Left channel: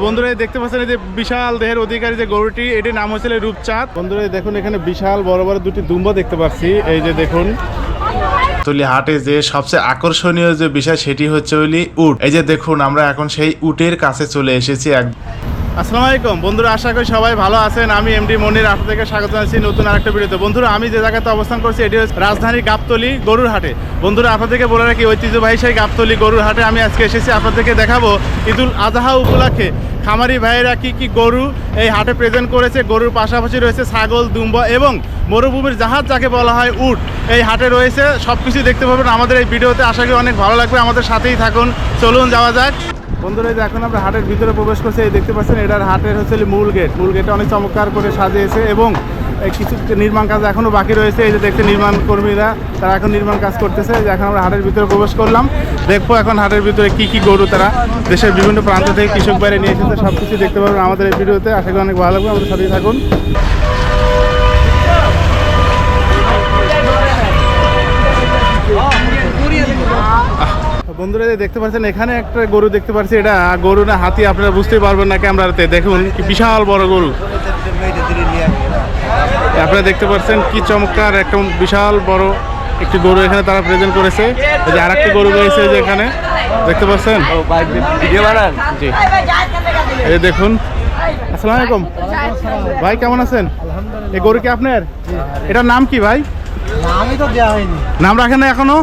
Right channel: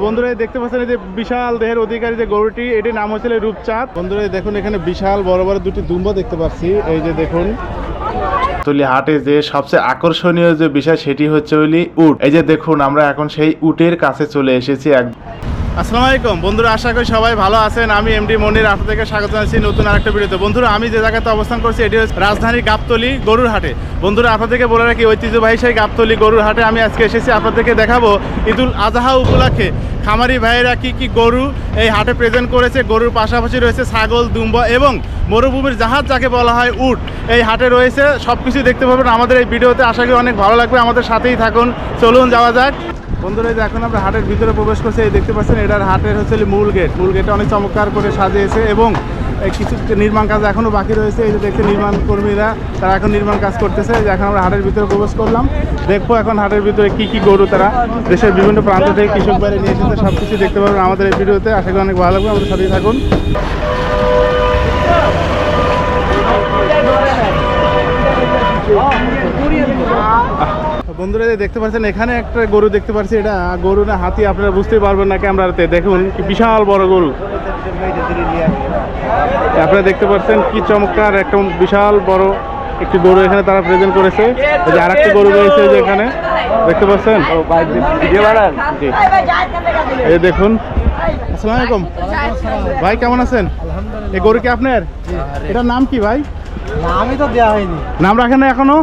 বন্ধুরা দেখতে পাচ্ছেন এই যে বিশাল দেহের অধিকারী যে গরুটি, এটির নাম হচ্ছে রূপচাঁদ। বন্ধুরা দেখুন, এখানে বিশাল, বড় বড় দুটি দুম্ব দেখতে পাচ্ছি। এই যে দেখুন। তুলি হাটে যে সবচেয়ে আকর্ষণীয় যে বিষয়, সেটি হচ্ছে ওইলি উট। এই যে দেখুন, আমরা এখন সেই উটের কাছে চলে এসেছি এক আসসালামু আলাইকুম। বন্ধুরা, আশা করি সবাই ভালো আছেন। আমি এমডি মনির আপনাদেরকে স্বাগত জানাচ্ছি নতুন আরেকটা ভিডিওতে। বন্ধুরা, আমি যে জায়গাতে অবস্থান করছি, এটি হচ্ছে রাজধানীর গাবতলি গরুর হাটে। বন্ধুরা, আপনাদেরকে বলে রাখি, ঐতিহ্যবাহী সেই গাবতলি গরুর হাটে আমি আজকে এসেছি। আপনাদেরকে দেখাবো ঈদুল আজহা উপলক্ষে খামারি ভাইয়েরা কি কি গরু এই হাটে প্রেজেন্ট করেছে। গরুর পাশাপাশি রয়েছে ছাগল, দুম্বা এবং মরুভূমির জাহাজ, যাকে বলা হয় উট। এই হাটে রয়েছে সব কিছুই দেখতে পাবেন আমাদের এই ভিডিওতে। আশা করি অনেক ভালো লাগবে। আমাদের সাথেই থাকুন। চলুন, যাওয়া যাক। বন্ধুরা যে এখন আমরা হাটের ভিতরে প্রবেশ করছি, এই দেখতে পাচ্ছেন, এটার হাটের হচ্ছে মূল গেট। মূল গেটটা অনেক চমৎকার করে সাজিয়েছে এবং কিছু নির্মাণ কাজ এখনও বাকি রয়েছে। এই যে দেখতে নির্মাণ কর্মীরা, তারা এখন নির্মাণ কাজ করতেছে। যে এখন আমরা হাটের ভিতরে প্রবেশ করলাম। দেখব এখন হাটের ভিতরে কি কি গরু তারা দেশের বিভিন্ন প্রান্ত থেকে কৃষক বাইরে নিয়ে এসেছে সব কিছু দেখতে পাবেন আমাদের এই ভিডিওতে। আশা করি অনেক ভালো লাগবে। আমাদের সাথেই থাকুন। বন্ধুরা যে দেখতে পাচ্ছেন এখানে একটা গরু দেখতে পাচ্ছি। এটা গরু না হাতি আপনারা বুঝতেই পারবেন না ক্যামেরাতে। দেখুন কি বিশাল বড় গরু। আপনারা দেখতে পাচ্ছেন কি চমৎকার একটা বিশাল বড় একটি গরু এখানে তারা প্রেজেন্ট করেছে। যে আরেকটি গরু রয়েছে যে এখানে। দেখতে পাচ্ছেন? জি। এই দেখুন। আসসালামু আলাইকুম। ভাই কেমন আছেন? এই গরু কি আপনার? এটার নাম কি ভাই? নামই তো দেওয়া হয়নি। নাম রাখেন না এখনও?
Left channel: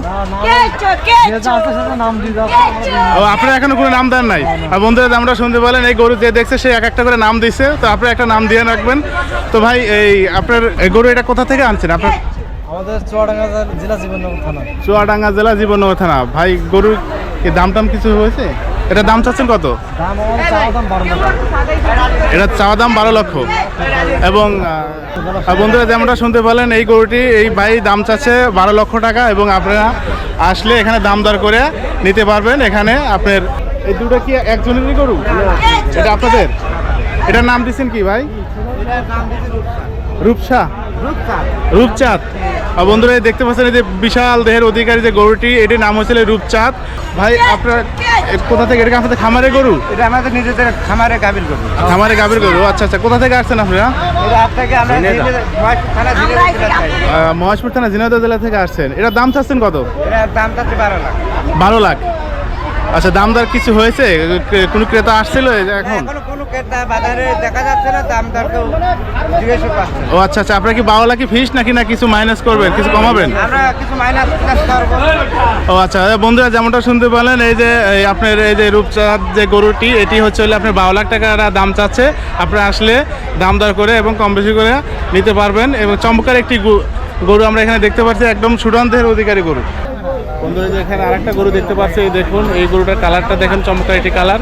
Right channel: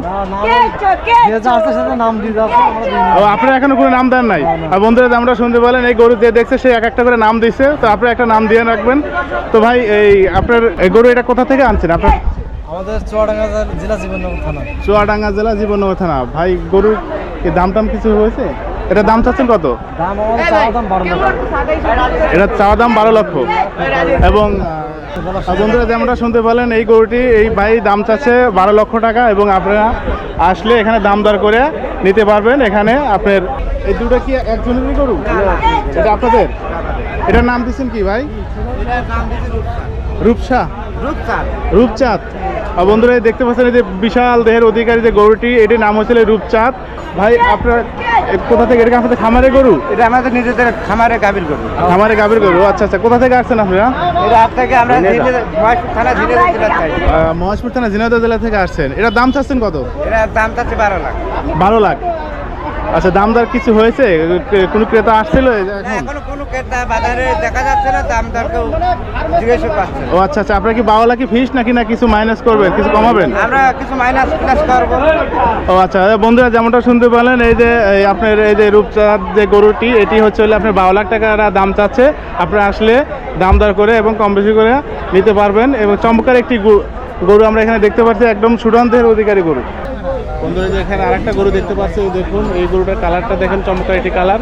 ও আপনারা এখনও কোনো নাম দেন নাই? আর বন্ধুরা আমরা শুনতে পেলেন এই গরু যে দেখছে সে এক একটা করে নাম দিচ্ছে তো আপনারা একটা নাম দিয়ে রাখবেন। তো ভাই এই আপনার গরু এটা কোথা থেকে আনছেন? আপনার আমাদের চুয়াডাঙ্গা জেলা জীবননগর থানা। চুয়াডাঙ্গা জেলা জীবননগর থানা। ভাই গরুর কি দাম টাম কিছু হয়েছে? এটা দাম চাচ্ছেন কত? এটা চাওয়া দাম বারো লক্ষ। এবং বন্ধুরা যেমনটা শুনতে পেলেন, এই গরুটি, এই ভাই দাম চাচ্ছে বারো লক্ষ টাকা এবং আপনারা আসলে এখানে দাম দর করে নিতে পারবেন এখানে আপনার, এই দুটো কি একজনেরই গরু? এটা আপনাদের? এটার নাম দিচ্ছেন কি ভাই? রূপসা। রূপচাঁদ। বন্ধুরা এই দেখতে পাচ্ছেন এই যে বিশাল দেহের অধিকারী যে গরুটি এটির নাম হয়েছিল রূপচাঁদ। ভাই আপনার কোথা থেকে এটা আমাদের আপনাদের খামারে গরু? এটা আমাদের নিজেদের খামারে গাভীর গরু। খামারে গাভীর গরু। আচ্ছা আচ্ছা কোথা থেকে আসছেন আপনারা? মহেশপুর থানা ঝিনাইদহ জেলা থেকে আসছেন। এটা দাম চাচ্ছেন কত? এটা দাম চাচ্ছে বারো লাখ। বারো লাখ। আচ্ছা দাম দর কিছু হয়েছে? কে- কোনো ক্রেতা আসছিল এখন? কোনো ক্রেতা বাজারে দেখা যাচ্ছে না দাম দর কেউ জিজ্ঞেস না। ও আচ্ছা আচ্ছা আপনার কি বারো লাখই ফিস নাকি না কিছু মাইনাস করবেন কিছু কমাবেন? আমরা কিছু মাইনাস প্লাস করব। ও আচ্ছা বন্ধুরা যেমনটা শুনতে পেলেন এই যে এই আপনার এই যে রূপচাঁদ যে গরুটি এটি হচ্ছে হলে আপনার বারো লাখ টাকা দাম চাচ্ছে। আপনারা আসলে দাম দর করে এবং কম বেশি করে নিতে পারবেন। এবং চমৎকার একটি গরু আমরা এখানে দেখতে পাচ্ছি একদম সুডান্তের অধিকারী গরু। বন্ধুরা যে এখানে আরেকটা গরু দেখতে পাচ্ছি এই দেখুন এই গরুটার কালারটা দেখেন চমৎকার একটি কালার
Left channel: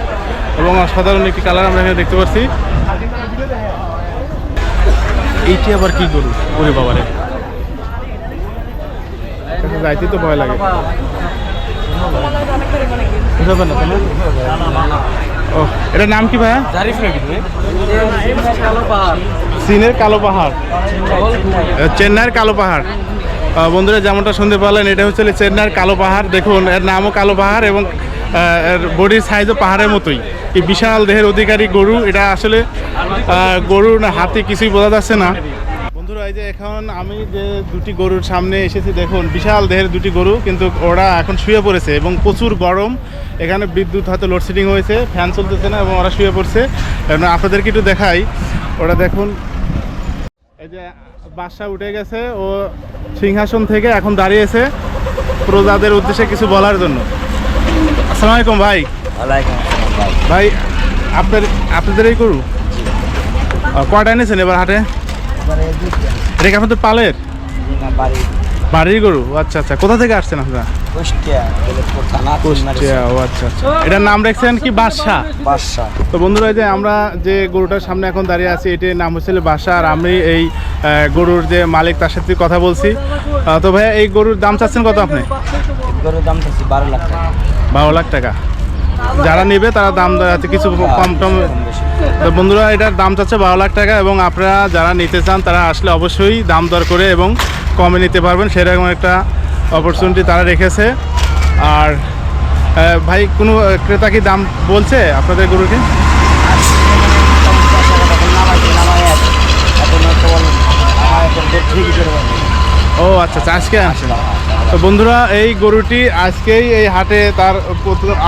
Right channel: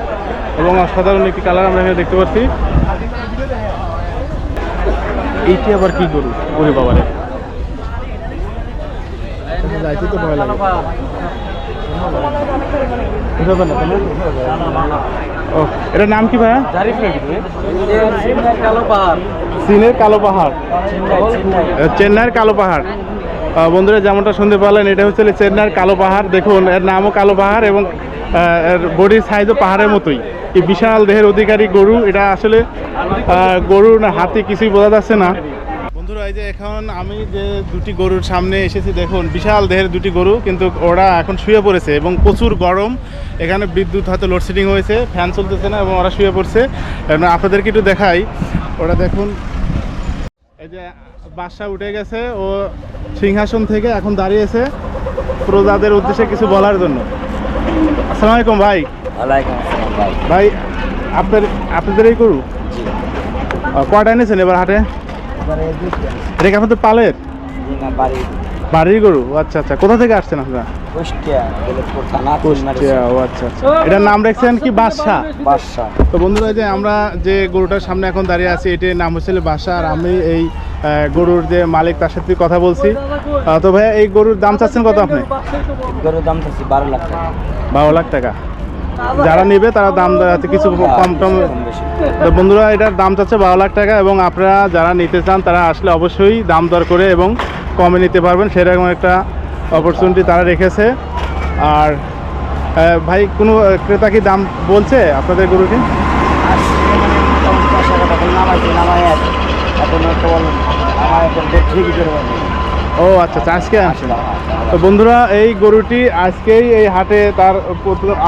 এবং অসাধারণ একটি কালার আমরা এখানে দেখতে পাচ্ছি। এইটি আবার কি গরু? ওরে বাবারে। যাইতে তো ভয় লাগে। বুঝাবে না? ও এটার নাম কি ভাইয়া? চীনের কালো পাহাড়। চেন্নাইয়ের কালো পাহাড়। বন্ধুরা, যেমনটা শুনতে পারলেন এটা হচ্ছে চেন্নাইয়ের কালো পাহাড়। দেখুন, এর নামও কালো পাহাড় এবং এর বডির সাইজও পাহাড়ের মতোই। এই বিশাল দেহের অধিকারী গরু, এটা আসলে গরু না হাতি কিছুই বোঝা যাচ্ছে না। বন্ধুরা, এই যে এখন আমি যে দুটি গরুর সামনে এসেছি, দেখুন, বিশাল দেহের দুটি গরু, কিন্তু ওরা এখন শুয়ে পড়েছে এবং প্রচুর গরম। এখানে বিদ্যুৎ, হয়তো লোডশেডিং হয়েছে ফ্যান চলতেছে না এবং ওরা শুয়ে পড়ছে। আপনাদেরকে একটু দেখাই। ওরা দেখুন, এই যে বাসা উঠে গেছে, ও সিংহাসন থেকে এখন দাঁড়িয়েছে প্রজাদের উদ্দেশ্যে কিছু বলার জন্য। আসসালামু আলাইকুম ভাই। ভাই। আপনার আপনাদের এই গরু আহ, কয়টা এনেছেন এবার হাটে? এটা কি আপনাদের পালের? বাড়ির। গরু? আচ্ছা আচ্ছা। কোথা থেকে আসছেন আপনারা? আচ্ছা। এটার নাম রাখছেন কি বাদশাহ তো বন্ধুরা যে আমরা যে গরুটার সামনে এখন দাঁড়িয়ে আছি এটির নাম হচ্ছে বাসা আর আমি এই গরুর যে মালিক তার সাথে কথা বলছি। তো ভাইয়া এই গরুর দাম চাচ্ছেন কত আপনি? গরুর দাম চাচ্ছি বারো লাখ টাকা। বারো লাখ টাকা। যারা নেবে তারা দাম দেওয়াতে কিছু কম টম তো বন্ধুরা এটার দাম চাচ্ছে বারো লাখ টাকা এবং আপনারা যারা নিতে চান তারা আসলে অবশ্যই দাম দর করে এবং কমে নিতে পারবেন। সেরকম একটা অপরচুনিটি তারা রেখেছে। আর ভাই কোনো ক্রেতা কি দাম বলছে আপনাদের গরুকে? ও আচ্ছা আচ্ছা আজকে? তো বন্ধুরা এই গরুটি আজকেই এই হাটে তার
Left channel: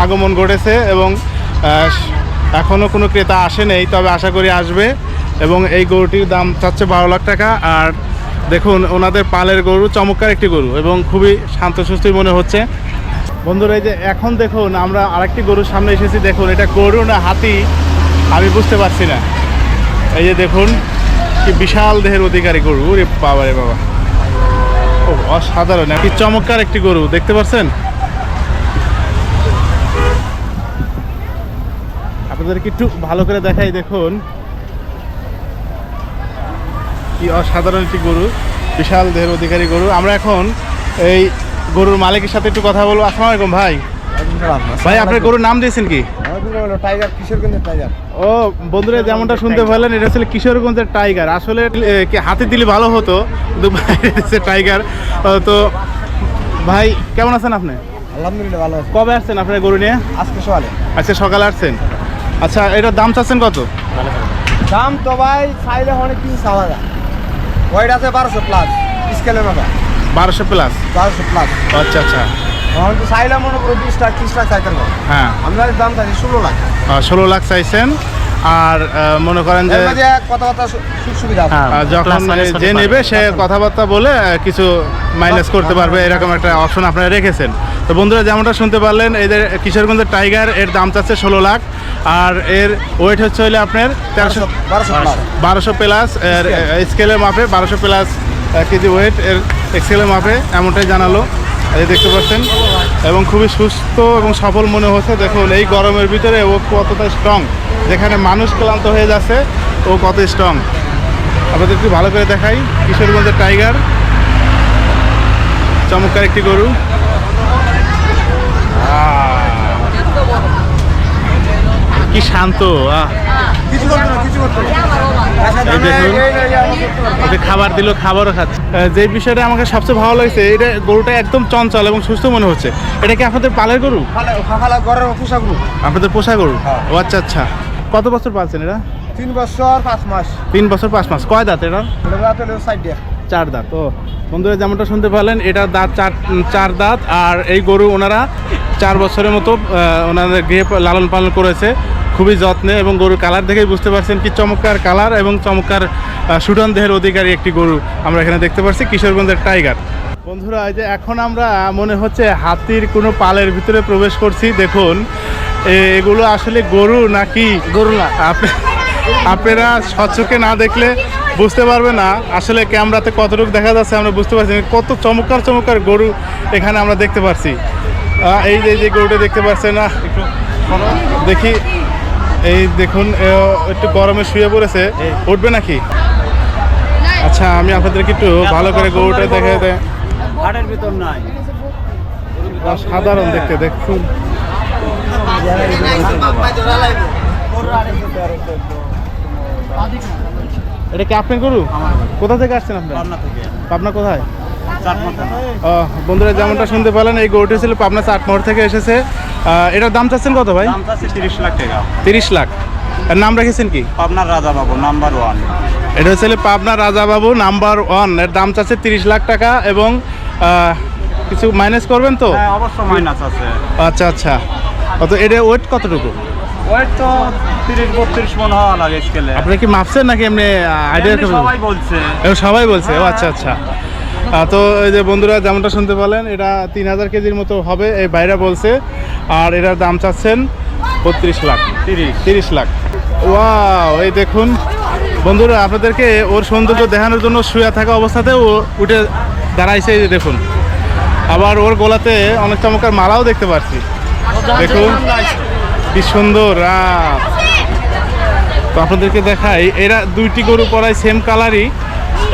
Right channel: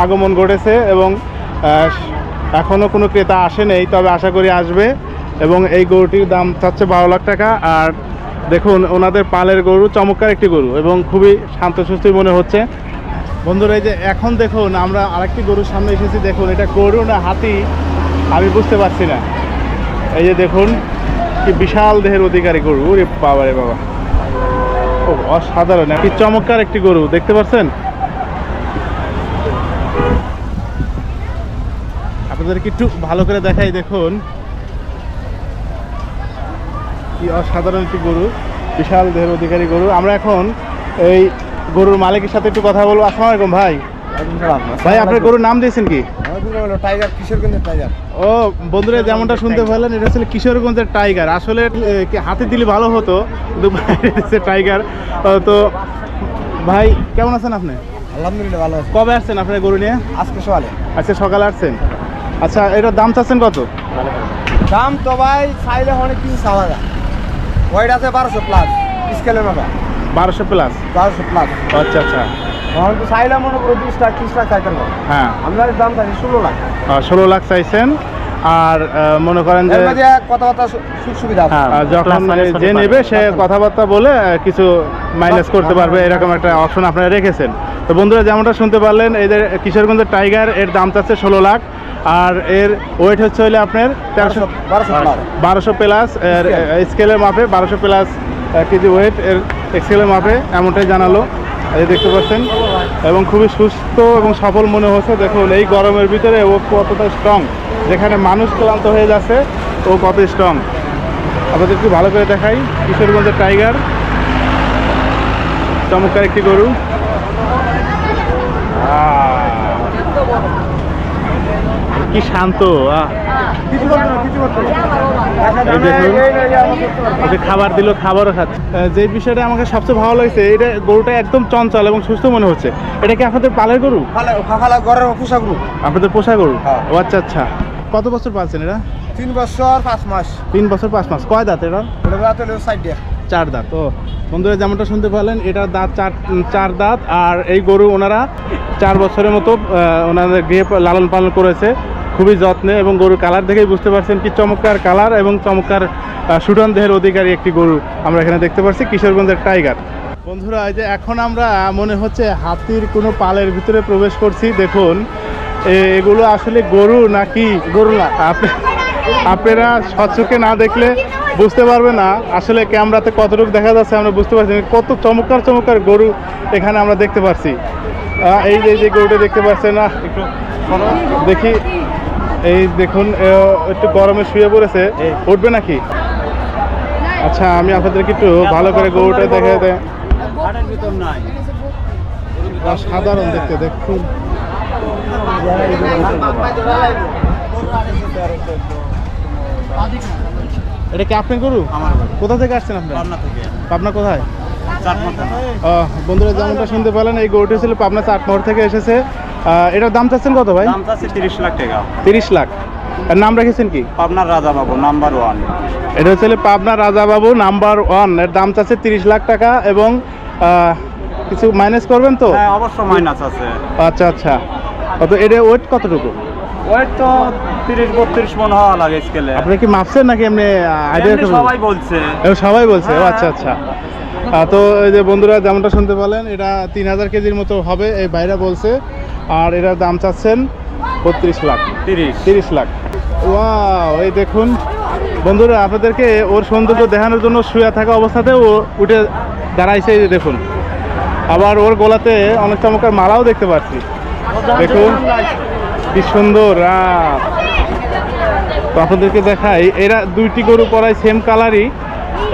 আগমন ঘটেছে এবং আহ, এখনও কোনো ক্রেতা আসে নেই তবে আশা করি আসবে এবং এই গরুটির দাম চাচ্ছে বারো লাখ টাকা। আর দেখুন ওনাদের পালের গরু চমৎকার একটি গরু এবং খুবই শান্ত শান্তসুস্থই মনে হচ্ছে। বন্ধুরা এই যে এখন দেখুন আমরা আরেকটি গরুর সামনে এসেছি। দেখুন এটা গরু না হাতি? আমি বুঝতে পারছি না। এই যে দেখুন কি বিশাল দেহের অধিকারী গরু রে বাবা রে বাবা। ও, অসাধারণ। কি চমৎকার একটি গরু, দেখতে পাচ্ছেন? আপনাদেরকে একটু ভালো করে দেখাই, দেখুন। কি অসাধারণ একটি গরু, বিশাল দেহের অধিকারী গরু। আমরা এখন এই গরুর মালিকের সাথে একটু কথা বলব। আসসালামু আলাইকুম ভাই। ভাই আপনার গরুর নাম দিয়েছেন কি? টাইগার কিশোরগঞ্জের টাইগার। ও বন্ধুরা যেমনটা শুনতে পারলেন এটা ছিল কিশোরগঞ্জের টাইগার। আসলে কি হাতে দিলে ভালো হতো টাইগার। তো ভাই কেমন আছেন আপনি? আলহামদুলিল্লাহ ভালো আছে। কবে আসছেন আপনার গরু নিয়ে? আজকে সকালে। আচ্ছা সকালে আসছেন। আচ্ছা এটার দাম চাচ্ছেন কত? দাম তো ভাই চাইলে অনেক কিছু চাওয়া যায়। ওয়েট আছে বারোশো প্লাস স্কেলের মাথা বারোশো প্লাস বারোশো প্লাস আচ্ছা আচ্ছা। তখন তো চাইলে মনে করো বিশ লাখ ত্রিশ লাখ চাইতে হ্যাঁ। আমরা দাম চাইছি ষোলো লাখ। ষোলো লাখ চাইছেন। আর মনে করেন যে কথাবার্তা সুখ সুবিধা আছে। আহ, যে নেবে সে কথাবার্তা বলে কিছু মাইনাস করতে পারবে এরকম একটা অপশন আপনারা রেখেছেন। তো বন্ধুরা যেমনটা শুনতে পারলেন এদের কিশোরগঞ্জের টাইগার এর দাম চাচ্ছে ষোলো লাখ। আর এর ওয়েট হচ্ছে হলে আপনার তেরোশো বারোশো প্লাস বারোশো প্লাস এর স্কেলের মাপে বারোশো প্লাস কেজি ওয়েট এর স্কেলের মাপে এমনটাই জানালো। এই দেখতে পাচ্ছেন? এবং খুবই সুস্থ এবং সফল মনে হচ্ছে। দেখুন, এই গরমের ভিতরে ও কতটা স্ট্রং যেখানে মানুষ ক্লান্ত হয়ে যাচ্ছে, ও কত স্ট্রং আপনাদের একটু ভালো করে দেখাই। কিশোরগঞ্জের টাইগার চমৎকার একটি গরু। কি শান্ত, আহ। কিছু না কিছু এই দেখুন। ওকে খাবার দিল খাবারও খাচ্ছে। যে বিষয়টা আমাকে সবচেয়ে ভালো লাগছে এটা গরুটা একদম চঞ্চল এবং সুস্থ মনে হচ্ছে। এটা কি আপনাদের পালের গরু? ঘরের পোশাক গ্রুপ আপনাদের পোষা গরু? হ্যাঁ। ও আচ্ছা আচ্ছা। কত বছর পালছেন এরা তিন বছর পাঁচ মাস। তিন বছর পাঁচ মাস। কয় দাঁত এটা? চার দাঁত। ও বন্ধুরা যেমনটা শুনতে পারলেন এটা দাঁত চার চার দাঁত। আর এই গরু ওনারা চার বছরের মতো ওনাদের গৃহে লালন পালন করেছে। খুবই যত্নে এবং গরুর কালার দেখেই বুঝতে পারছেন কি চমৎকার কালার এবং চমৎকার সুঠান দেহের অধিকারী একটি গরু আমরা এখানে দেখতে পাচ্ছি কিশোরগঞ্জের টাইগার। বন্ধুরা এই যে এখন আমরা মনে হচ্ছে হাতির কোনো পালের ভিতরে প্রবেশ করছি দেখুন। এগুলো আসলে গরু নাকি? গরু না। আপনি আপনারা স্বচ্ছকে না দেখলে বুঝতে পারবে না আসলে ক্যামেরাতে কতটুকু দেখা যাচ্ছে আমরা বুঝতে পারছি কত চমৎকার চমৎকার গরু এখানে আমরা দেখতে পাচ্ছি এই যে যে গরুটা দেখতে পাচ্ছেন না একটু দেখি। এই দেখুন একটু গরমে শুয়ে পড়েছে। উঠবে নাকি? আচ্ছা আমি আপনাদেরকে একটু ভালো করে গরুটা দেখে দেয় হাটের ভিতর নাই। সাধারণ দেখতে দেখুন। এটা কি আপনি গরু? কোথা থেকে আসছেন আপনি? পাবনা কোথায়? বন্ধুরা যেমনটা শুনতে পেলেন এই গরুটি ছিল পাবনা চাটমোহর থেকে এসেছে। এটার দাম চাচ্ছেন কত ভাই? দাম চাচ্ছে তিরিশ লাখ টাকা। তিরিশ লাখ। এর নাম রেখেছেন কি? পাবনার রাজা বাবু নাম্বার ওয়ান। এটা হচ্ছে পাবনা রাজাবাবু নাম্বার ওয়ান। এর দাম চাচ্ছে তিরিশ লাখ টাকা এবং কিছু মাইনাস করবেন তো? হ্যাঁ অবশ্য মাইনাস আছে। আচ্ছা আচ্ছা। অত এটা ওয়েট কতটুকু? ওয়েট তো তিরিশ বত্রিশ মন হওয়া লাগে স্কেলে আপনি কি মাপছেন নাকি এমনি আইডিয়া সবাই বলছে। সবাই বলছে? ও আচ্ছা আচ্ছা। তো এই যে বন্ধুরা যেমনটা শুনতে পেলেন এটা তিন হাজার কেজির মতো হবে এই বাইরা বলছে। আর এটার দাম চাচ্ছেন বত্রিশ লাখ, তিরিশ তিরিশ লাখ। ওয়াও, এই দেখুন। বন্ধুরা, আপনাদেরকে ওর সৌন্দর্য দেখানোর জন্য শুয়ে থাকা অবস্থাতে ও উঠে দাঁড়াইছে দেখুন। আবার ওর গলাতে অনেক চমৎকার মালাও দেখতে পাচ্ছি। দেখুন, কি সুন্দর। তো আপনাদেরকে দেখাই, এরা দুইটি গরু পড়ায় সেম কালারই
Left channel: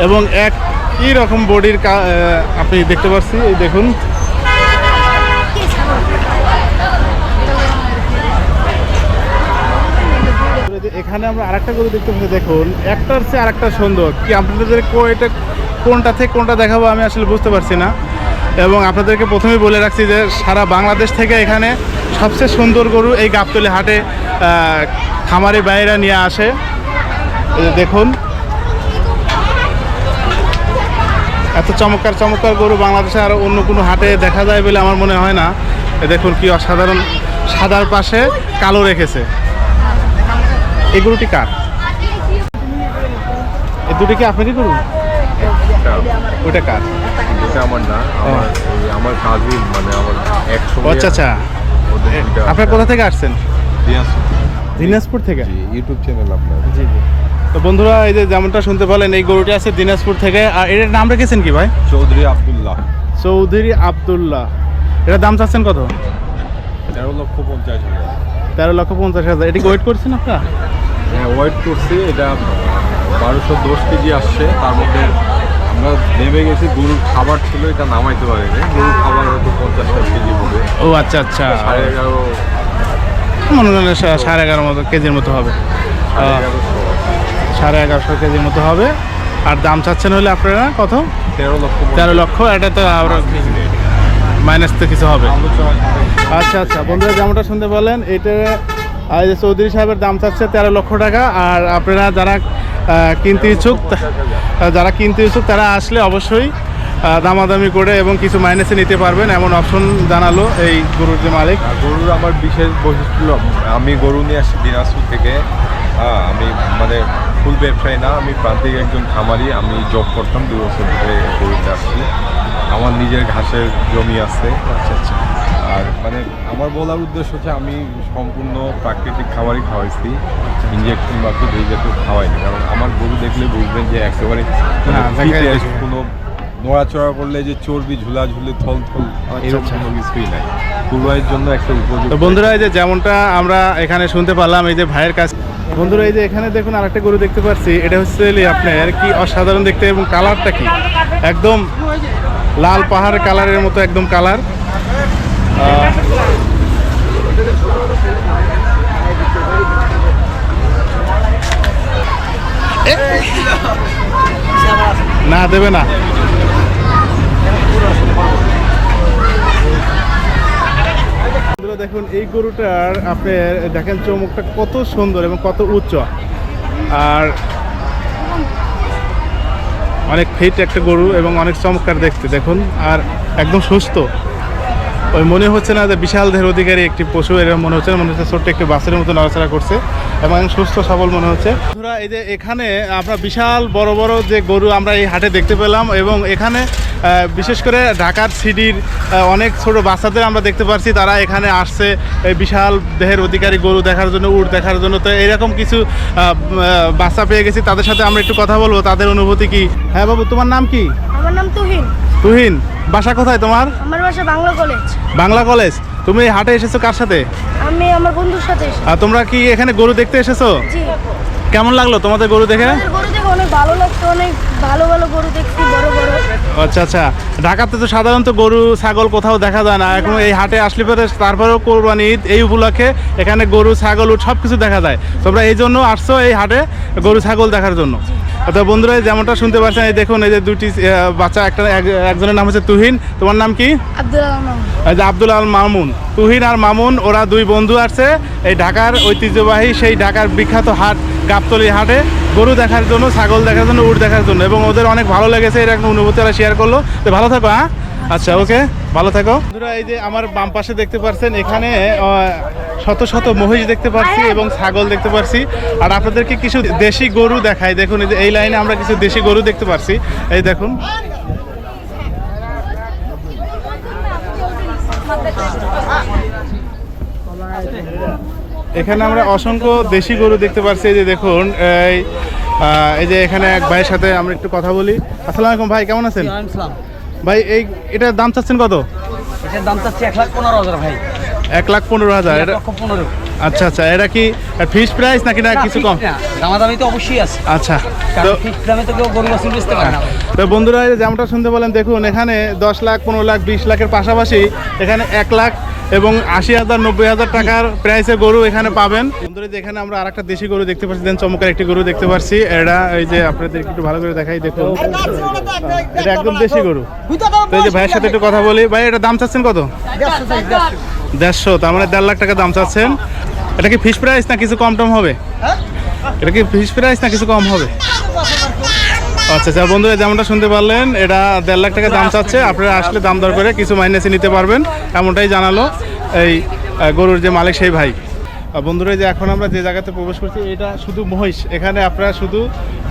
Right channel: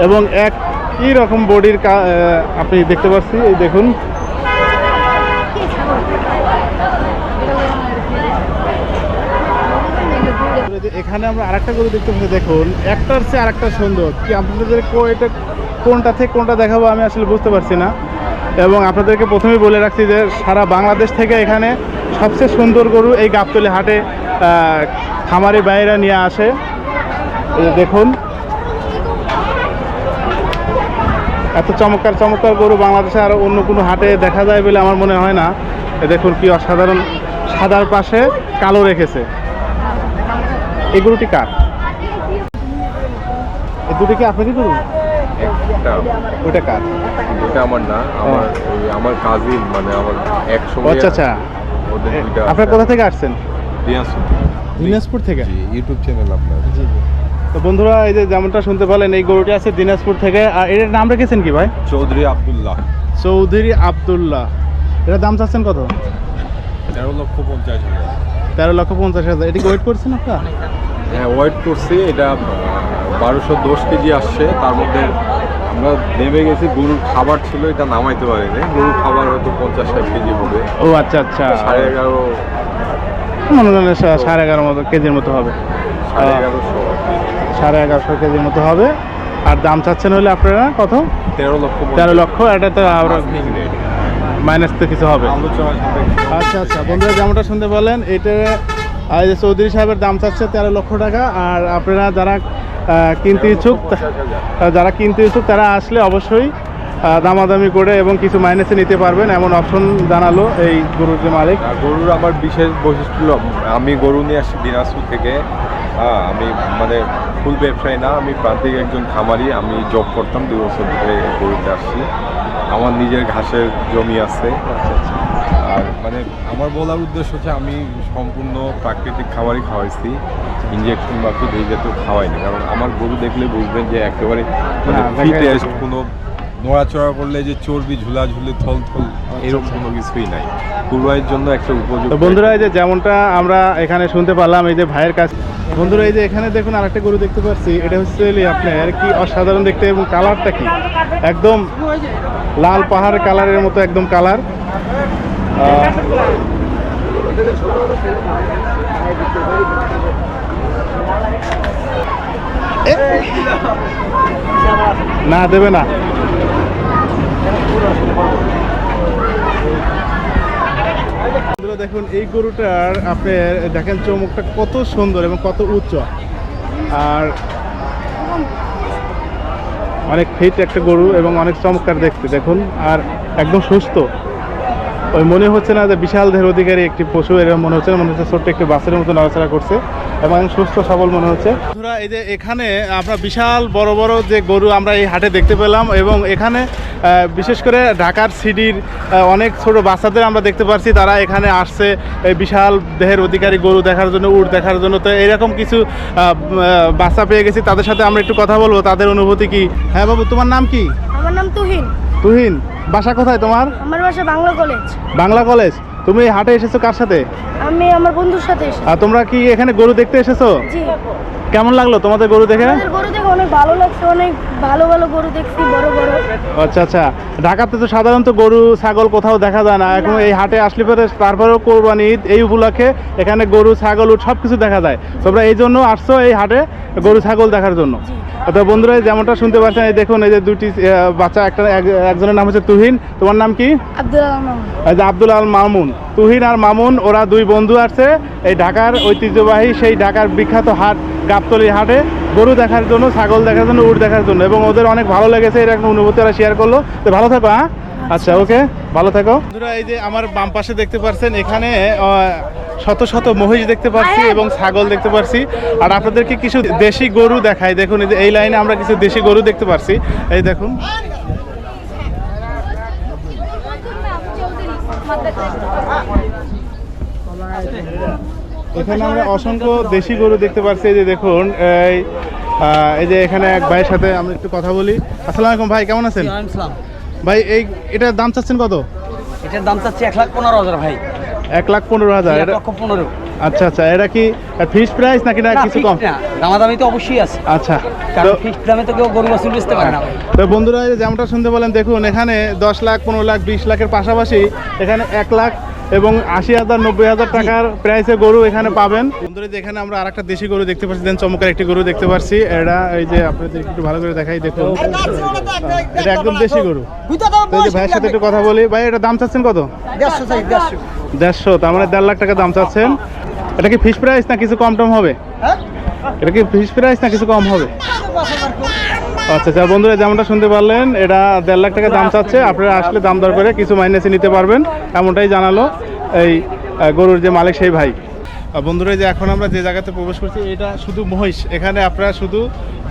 এবং এক ই রকম বডির আপনি দেখতে পাচ্ছি, এই দেখুন। এখানে আমরা আরেকটা গরু দেখতে পাচ্ছি, দেখুন। একটার চেয়ে আরেকটা সুন্দর। কি আপনাদের এটা কোনটা থেকে কোনটা দেখাবো আমি আসলে বুঝতে পারছি না। এবং আপনাদেরকে প্রথমেই বলে রাখছি যে সারা বাংলাদেশ থেকে এখানে সবচেয়ে সুন্দর গরু এই গাবতলি হাটে খামারি বাইরা নিয়ে আসে। দেখুন। এত চমৎকার চমৎকার গরু বাংলাদেশে আর অন্য কোনো হাটে দেখা যায় বলে আমার মনে হয় না। দেখুন কি অসাধারণ। সাদার পাশে কালো রেখেছে। এই গরুটি কার? এই দুটি কি আপনারই গরু? ওইটা কার? এটা আমার না আমার আমার কাজিন মানে আমার এক সময় আচ্ছা। আচ্ছা আপনার কোথা থেকে আসছেন? দিনাজপুর। দিনাজপুর থেকে? ইউটিউব চ্যানেল আপনার। জি জি। তো বন্ধুরা এই যে যেমনটা শুনতে পেলেন এই গরুটি আছে দিনাজপুর থেকে। আর এটার নাম রেখেছেন কি ভাই? চৌধুরী আব্দুল্লাহ। চৌধুরী আবদুল্লাহ। এটার দাম চাচ্ছেন কত? তেরো লক্ষ পঞ্চাশ হাজার তেরো লক্ষ পঞ্চাশ হাজার। এটি ওয়েট করছেন আপনার? হ্যাঁ ওয়েট করছি। এটা বারোশো দশ কেজি আসছে। তার মধ্যে আমরা নেমে গেছি। গরুর খাবার ছিল এটা নামাইতে পারিনি। গরুর খাবার হয়তো পঞ্চাশ ষাট কেজি হবে। ও আচ্ছা আচ্ছা। সাড়ে এগারো। মনে করেন সাড়ে এগারো মতো কেজির মতো হবে। সাড়ে এগারোশো। সাড়ে এগারোশো কেজির মতো হবে। আর দাম চাচ্ছেন হলে আপনারা কত? তেরো লক্ষ তেরো লক্ষ এটা তো আবার মাইনাস তো কিছু হবে। আচ্ছা আচ্ছা বন্ধুরা যেমনটা শুনতে বললেন এটা চৌধুরী সাহেবের দাম চাচ্ছে তেরো লক্ষ টাকা আর আপনারা যারা কিনতে ইচ্ছুক যারা কিনতে ইচ্ছুক তারা আসলে অবশ্যই দামাদামি করে এবং কিছু মাইনাসে নিতে পারবেন এমন অপশন জানালো এই গরুর যে মালিক। আর গরুর আমার বিশেষ বৈশিষ্ট্য আমি গরু নিয়ে আসি দিনাজপুর থেকে হ্যাঁ, আমি মানে ফুল ব্যবসায়ী না আমি প্রান্তিক একজন খামারি আমি জব করতাম দু বছর ধরে গরুতে আসছি। আমার নিজের ঘাসের জমি আছে। আর মানে আমার বলার উদ্দেশ্য হচ্ছে আমি সম্পূর্ণ প্রাকৃতিক খাবারই খাওয়াইছি। ইঞ্জেকশন বা খুব এই জাতীয় খাওয়াইনি। কারণ আমার গরু দেখলে বুঝবেন যে একেবারে মানে। কোনো নড়াচড়া করলে যে চর্বি ঝুলা ঝুলে থল থল এরকম আচ্ছা। কোনো কিছুই নাই। কুরবাইয়ের জন্য একটা উপযুক্ত বন্ধুরা এই যে যেমনটা আমরা এখানে শুনতে পারলাম এই যে ভাইয়ের কাছে বন্ধুরা এই যে এখানে দেখুন আরেকটা গরু দেখতে পাচ্ছি। এটা হচ্ছে আপনার কি অসাধারণ দেখতে এবং কালারটা কি? একদম লাল পাহাড় কালারের মতো একদম কালার। না দেবে না। দেখুন, এই গরুটার আপনার দেখেন চমকটা কত সুন্দর এবং কত উচ্চ। আর অনেক ফিট একটা গরু এবং অনেক চমৎকার দেখতে, দেখুন, আর একদম সুস্থ। ওই মনে হচ্ছে না যে বিশাল দেহের অধিকারী একটি পশু, এরকম মনে হচ্ছে মনে হচ্ছে ছোট্ট একটি বাসের মতো নড়াচড়া করছে। এবং সুস্থ সবল মনে হচ্ছে। বন্ধুরা এই যে এখানে আমরা বিশাল বড় বড় যে গরু আমরা এই হাটে দেখতে পেলাম এবং এখানে বিশেষ করে ঢাকার সিডির অনেক ছোট বাচ্চাদের আমরা দেখতে পাচ্ছি তারা এখানে আসছে বিশাল দেহের অধিকারী গরু দেখার জন্য উট দেখার জন্য। তো এরকম কিছু বাচ্চা পেয়ে গেছি। তাদের সাথে আমরা একটু কথা বলব। তাদের অনুভূতি কি? হ্যাঁ বাবু তোমার নাম কি? আমার নাম তুহিন। তুহিন? বাসা কোথায় তোমার? আমার বাসা বাংলা কলেজ বাংলা কলেজ তুমি এই হাটে এসেছ কার সাথে? আমি আমার বন্ধুর সাথে এসেছি। আর তোমরা কি এখানে গরু দেখতে এসেছ? জি। কেমন লাগল তোমাদের গরু দেখে? গরু দেখে অনেক ভালো লাগছে অনেক ভালো ভালো গরু দেখছি বড় বড়। আচ্ছা আচ্ছা। ঢাকাতে তো সাধারণত গরু ছাগল কোথাও দেখা যায় না। এখন এই হাটে আসলে পরে তারপরেও কোরবানি ঈদ এই উপলক্ষে এখানে গরু ছাগল সব কিছু দেখা যায়। তোমরা এই জন্য আসছো এই হাটে গরু ছাগল দেখার জন্য। তো বন্ধুরা যেমনটা শুনতে পাচ্ছেন এই দেখুন এই যে দুটি বাচ্চা একটা একজনের নাম হচ্ছে তুহিন। তোমার নাম কি? আব্দুল আল মামুন। তুহিন আর মামুন ওরা দুই বন্ধু আছে এই ঢাকার ঐতিহ্যবাহী সেই ঢাকার বিখ্যাত হাট গাবতলি হাটে। গরু দেখার জন্য ছাগল দেখার জন্য উট দেখার জন্য এবং ওদের অনেক ভালো লেগেছে এর একটা অনুভূতি ওরা শেয়ার করল। তো ভালো থাকো হ্যাঁ? আচ্ছা ওকে ভালো থাকো। বন্ধুরা এই যে আমার বাম পাশে দেখতে পাচ্ছেন এখানে শত শত মহিষ দেখতে পাচ্ছি এবং ছাগল দেখতে পাচ্ছি আর আপনাদেরকে কিছু দেশি গরু দেখাই। দেখুন এই যে এই লাইনে আমরা কিছু দেশি গরু দেখতে পাচ্ছি এই দেখুন। এখানে আমরা অসংখ্য দেশি গরু দেখতে পাচ্ছি এই যে দেখুন এই এই যে এখানে এক ভাইয়ের সাথে আমরা একটু কথা বলি। আসসালামু আলাইকুম ভাই কেমন আছেন? ভাই এই এটার দাম চাচ্ছেন কত? এটার দাম চাচ্ছি এক লাখ পনেরো হাজার ভাই। এক লাখ পনেরো হাজার। এক লক্ষ পনেরো। আচ্ছা আচ্ছা এটা কি ফিক্স প্রাইস নাকি না কিছু কম? দামাদামি তো অবশ্যই আছে। আচ্ছা কারণ তো- দামে তো কেউ গরু বাছুর বেচতে পারে না তো বন্ধুরা এই যেমনটা শুনতে বলেন দেখুন এখানে দশ লাখ পনেরো লাখ বিশ লাখের পাশাপাশি এখানে এক লাখ এবং আশি হাজার নব্বই হাজার টাকার প্রাইসে গরু এখানে পাবেন। বন্ধুরা যে এখানে আমরা আরেকটা দেশি গরু দেখতে পাচ্ছি দেন চমৎকার একটি গরু দেখতে পাচ্ছি। এটা এই যে আপনাদের একটু ভালো করে দেখাই দেখুন। এটা একদম দেশি গরু। তো এই যে ভাইয়ের সাথে একটু কথা বলি। ভাই এটা দাম চাচ্ছেন কত? দেড়শো, তার মানে দেড় লাখ টাকা দাম চাচ্ছেন। এটা কি ফিক্স প্রাইস না কিছু কম টম হবে? এটা কি ফিক্স প্রাইস না কিছু কম হবে? আচ্ছা আচ্ছা বন্ধুরা, যেমনটা শুনতে পারলেন, এটা দেড় লাখ টাকা দাম চাচ্ছে। আপনারা আসলে দাম দর করে কিছু মাইনাসে নিতে পারবেন, এমনটাই জানালো এই গরুর যে মালিক সেই ভাই। বন্ধুরা যে এখন আমরা যে জায়গাতে প্রবেশ করছি, এটা শুধু মহিষ। এখানে আপনারা শুধু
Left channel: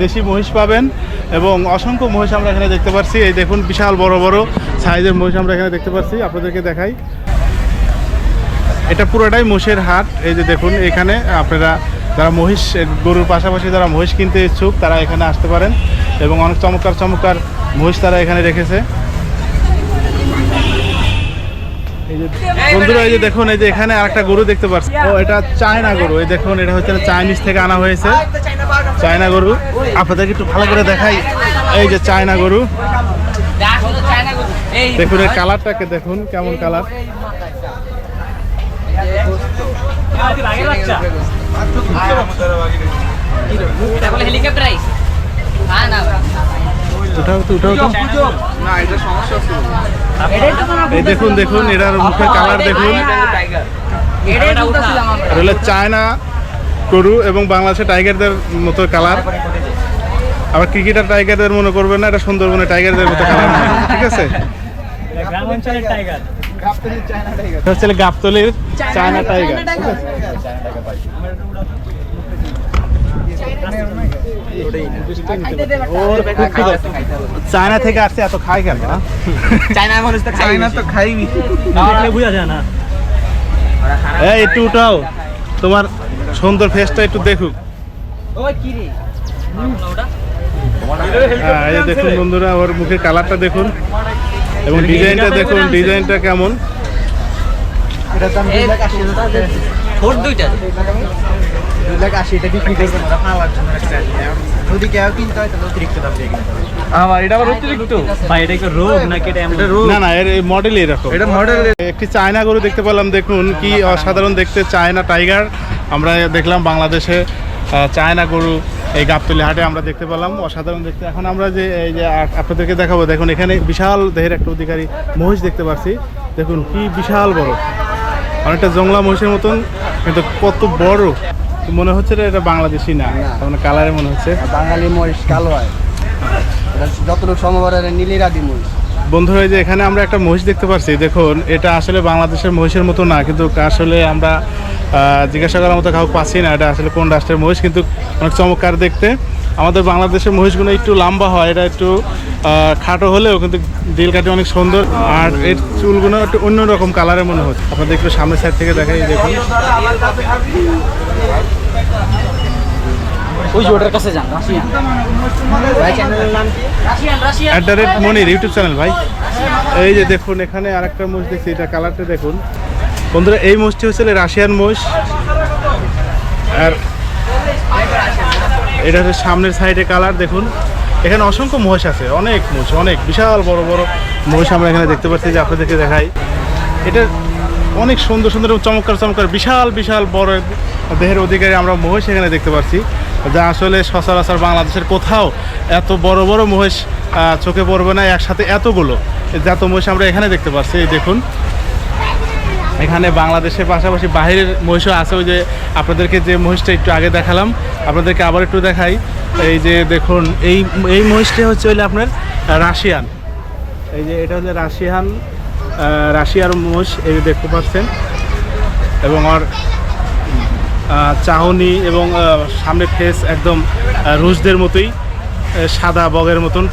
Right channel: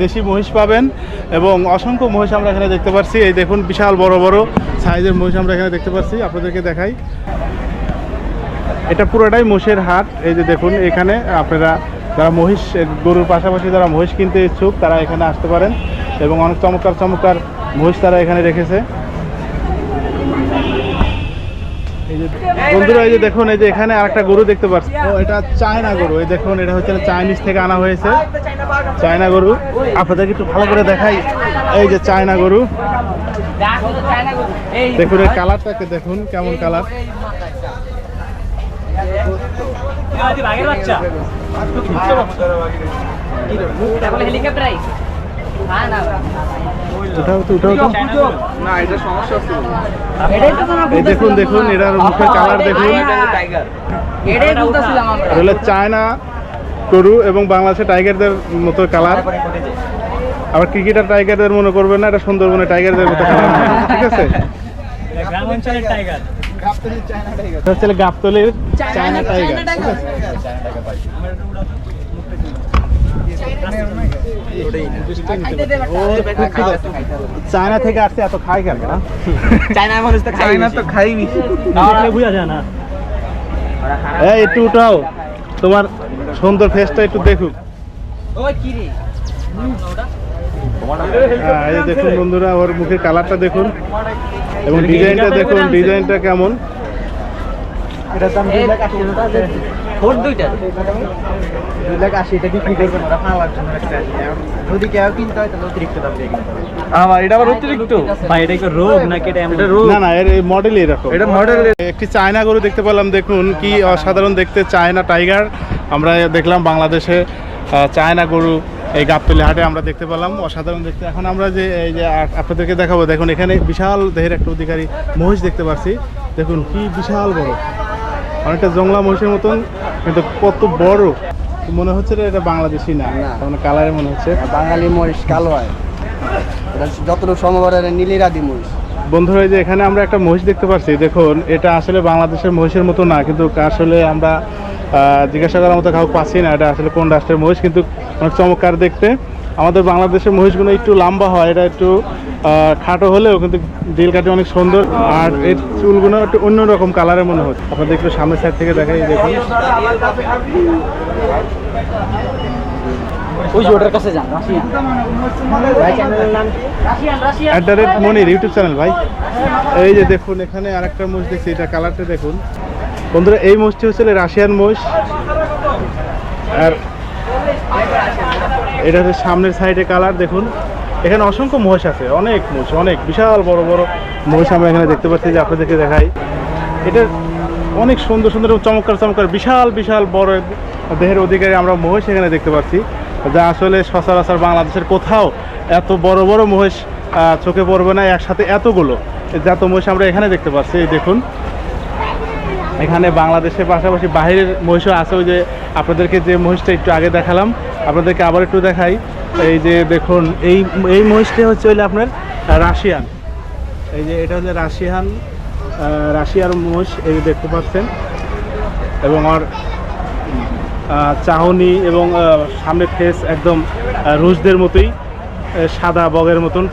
দেশি মহিষ পাবেন এবং অসংখ্য মহিষ আমরা এখানে দেখতে পাচ্ছি এই দেখুন, বিশাল বড় বড় সাইজের মহিষ আমরা এখানে দেখতে পাচ্ছি আপনাদেরকে দেখাই। এটা পুরোটাই মোষের হাট। এই যে দেখুন, এখানে আপনারা যারা মহিষ গরুর পাশাপাশি যারা মহিষ কিনতে ইচ্ছুক, তারা এখানে আসতে পারেন এবং অনেক চমৎকার চমৎকার মহিষ তারা এখানে রেখেছে। এই যে বন্ধুরা, এই যে দেখুন, এই যে এখানে আরেকটা গরু দেখতে পাচ্ছি ও, এটা চায়না গরু। এই দেখুন, এটা হচ্ছে চাইনিজ থেকে আনা হয়েছে। চায়না গরু। আপনাদেরকে একটু ভালো করে দেখাই। এই যে চায়না গরু। দেখুন এর কালারটাকে দেখুন, কেমন কালার উঠাও তো উঠাও তো এই দেখুন দেখুন, এটার মুখের কালার দেখুন। চায়না গরু এবং বাংলাদেশের টাইগারদের মতো কালার আবার ক্রিকেটার টাইগারদের মনে করবেন না, এটা সুন্দরবনের টাইগারদের মতো কালার ঠিক আছে? এটা হচ্ছে গাবতলির চায়না টাইগার চায়না থেকে আসছে এত খাই কেন চায়না মানুষ তো খাই না তো খাইবি বুঝা যায় না। এই একটু উঠাও। তোমার সুন্দর ফেসটা একটু দেখুক। ওই কি রে? হ্যাঁ, দেখুন বন্ধুরা ওর মুখের কালারটা দেখুন। এবং ডিজাইনটা দেখুন ডিজাইনটা কেমন? হয় একটি চায়না গরু দেখতে পেলাম দেখুন কি অসাধারণ দেখতে চায়না টাইগার। আমরা দেখলাম বাংলাদেশে চায়না গরু এই গাবতলি হাটে আমরা দেখতে পেলাম অসাধারণ দেখতে। এখন আমরা যে এই যে আপনাদেরকে দেখাবো দেখুন এখানে বিশাল দেহের একটা অধিকারী মহিষ দেখতে পাচ্ছি দেখুন কি বিশাল বড়। অনেকটা জংলা মহিষের মতন কিন্তু কত বড়। মনে হচ্ছে এটা বাংলাদেশি না মানে কালারে মনে হচ্ছে। বাঙালি মহিষ কালো হয়। যতটুকু সম্ভব এটা নীলিরাদি মহিষ। বন্ধুরা যে এখানে আমরা একটা মহিষ দেখতে পাচ্ছি দেখুন, এটা আসলে বাংলাদেশের মহিষের মতো না, কিন্তু আসলে আমরা জিজ্ঞাসা করার মতো কাউকে পাচ্ছি না এটা আসলে কোন রাষ্ট্রের মহিষ, কিন্তু অনেক চমৎকার দেখতে। আমাদের বাংলাদেশের মহিষগুলো একটু লম্বা হয়, এটা একটু খাটো হলেও কিন্তু দিল কাটে অনেক সুন্দর। আর এর চুলগুলো একটু অন্যরকম কালারের মনে হচ্ছে। আপনাদের একটু সামনের সাইড থেকে দেখাই, দেখুন। ওই যে ওটার কাছে যান রাশিয়ান। ভাই চ্যানেলের নাম কি? Russian Russian. At the rate Monir YouTube channel ভাই। এই যে দেখুন এখানে আরেকটা মোষ দেখছি এটা কালারটা দেখুন। বন্ধুরা এই মোষটি হচ্ছে রাশিয়ান মোষ আর এটা হচ্ছে সামনের সাইডে কালার দেখুন। এখানে অসংখ্য মহিষ আছে অনেক মোষ অনেক বিশাল বড় বড় মহিষ আমরা এখানে দেখতে পাচ্ছি যে আপনাদেরকে দেখাই। এটা অনেক সুন্দর সুন্দর এবং চমৎকার চমৎকার বিশাল বিশাল বড় দেহের অধিকারী আমরা মহিষ এখানে দেখতে পাচ্ছি। যা আসলে সচরাচর বাংলাদেশের কোথাও এত বড় বড় মহিষ চোখে পড়বে না একসাথে এতগুলো। যত মহিষ আমরা এখানে দেখতে পাচ্ছি এই দেখুন। এখানে বাংলাদেশের পাশাপাশি বাইরের মহিষও আছে। ওই যে আপনাদেরকে যে মহিষটা একটু আগে দেখালাম আপনাদেরকে আবার একটু দেখাই। এই যে দেখুন এই এই মহিষটা হচ্ছে হইলে আপনার রাশিয়ান। এই যে এটা হচ্ছে রাশিয়ান রাশিয়ার মহিষ এই দেখতে পাচ্ছেন। এবং আহ, চাহনি এবং সামনে ফেস একদম রুশদের মতোই সাদা বগের মতন।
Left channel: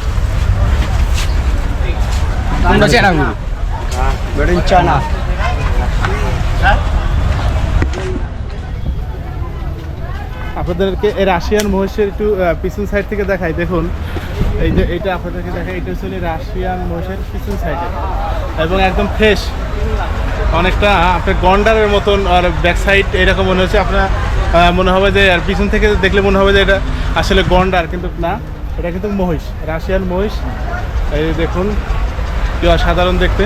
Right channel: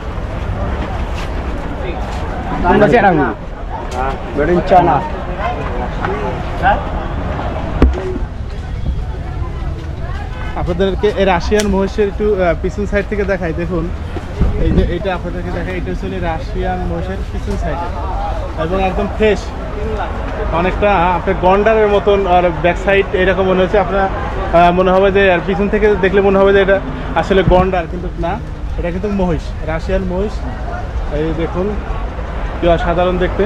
আপনাদেরকে এই রাশিয়ান মহিষের একটু পিছন সাইড থেকে দেখাই দেখুন। এই যে এটা আপনাদেরকে দেখাই এটা হচ্ছে রাশিয়ান মহিষের পিছন সাইডে এবং একদম ফ্রেশ অনেকটা, আপনার গন্ডারের মতন আর ব্যাক সাইড এরকম মনে হচ্ছে। আপনার মনে হবে যে, আর পিছন থেকে দেখলে মনে হবে যে এটা আসলে গন্ডার, কিন্তু না, এটা কিন্তু মহিষ, রাশিয়ান মহিষ। এই দেখুন সাধারণ দেখতে।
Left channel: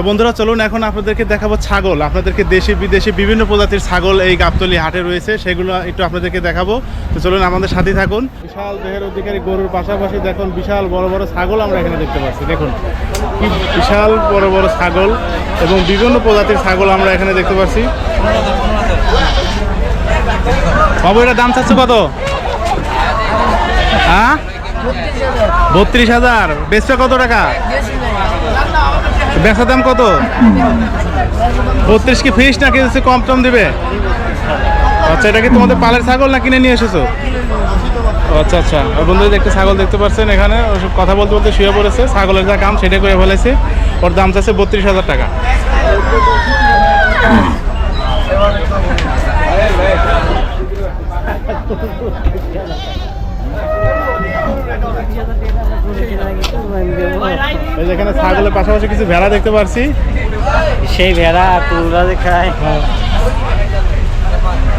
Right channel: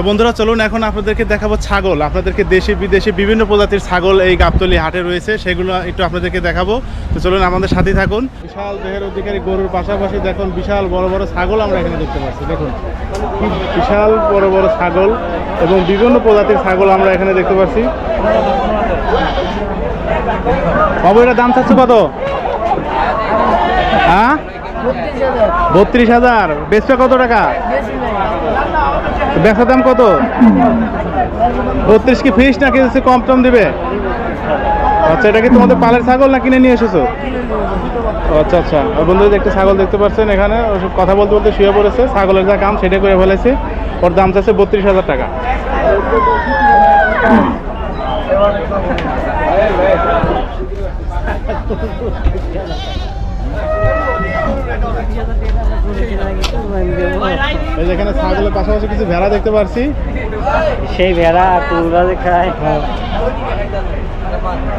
তো বন্ধুরা, চলুন এখন আপনাদেরকে দেখাবো ছাগল। আপনাদেরকে দেশি, বিদেশি বিভিন্ন প্রজাতির ছাগল এই গাবতলি হাটে রয়েছে, সেগুলো একটু আপনাদেরকে দেখাবো। তো চলুন আমাদের সাথে থাকুন। বিশাল দেহের অধিকারী গরুর পাশাপাশি দেখুন, বিশাল বড় বড় ছাগল আমরা এখানে দেখতে পাচ্ছি। দেখুন বিশাল বড় বড় ছাগল এবং বিভিন্ন প্রজাতির ছাগল আমরা এখানে দেখতে পাচ্ছি। বাবু, এটা দাম চাচ্ছে কত? হ্যাঁ? বত্রিশ হাজার। বেচটা কত টাকা? বেচার দাম কত? বত্রিশ কি ফিস নাকি হচ্ছে কম টম দিবে? আচ্ছা এটা কি তোমাদের পালের ছাগল না কিনে নিয়ে এসেছ? আচ্ছা আচ্ছা। আর বন্ধুরা দেখতে ছাগল দেখতে পাচ্ছেন এখানে, ওসব কথা বলতে বলতে শুয়ে পড়েছে। ছাগলের যা কাম সেটা করে ফেলেছে। ওর দাম চাচ্ছে বত্রিশ হাজার টাকা। এখানে ছাগলের পাশাপাশি কিছু ভেড়া দেখতে পাচ্ছি সেই ভেড়া খায়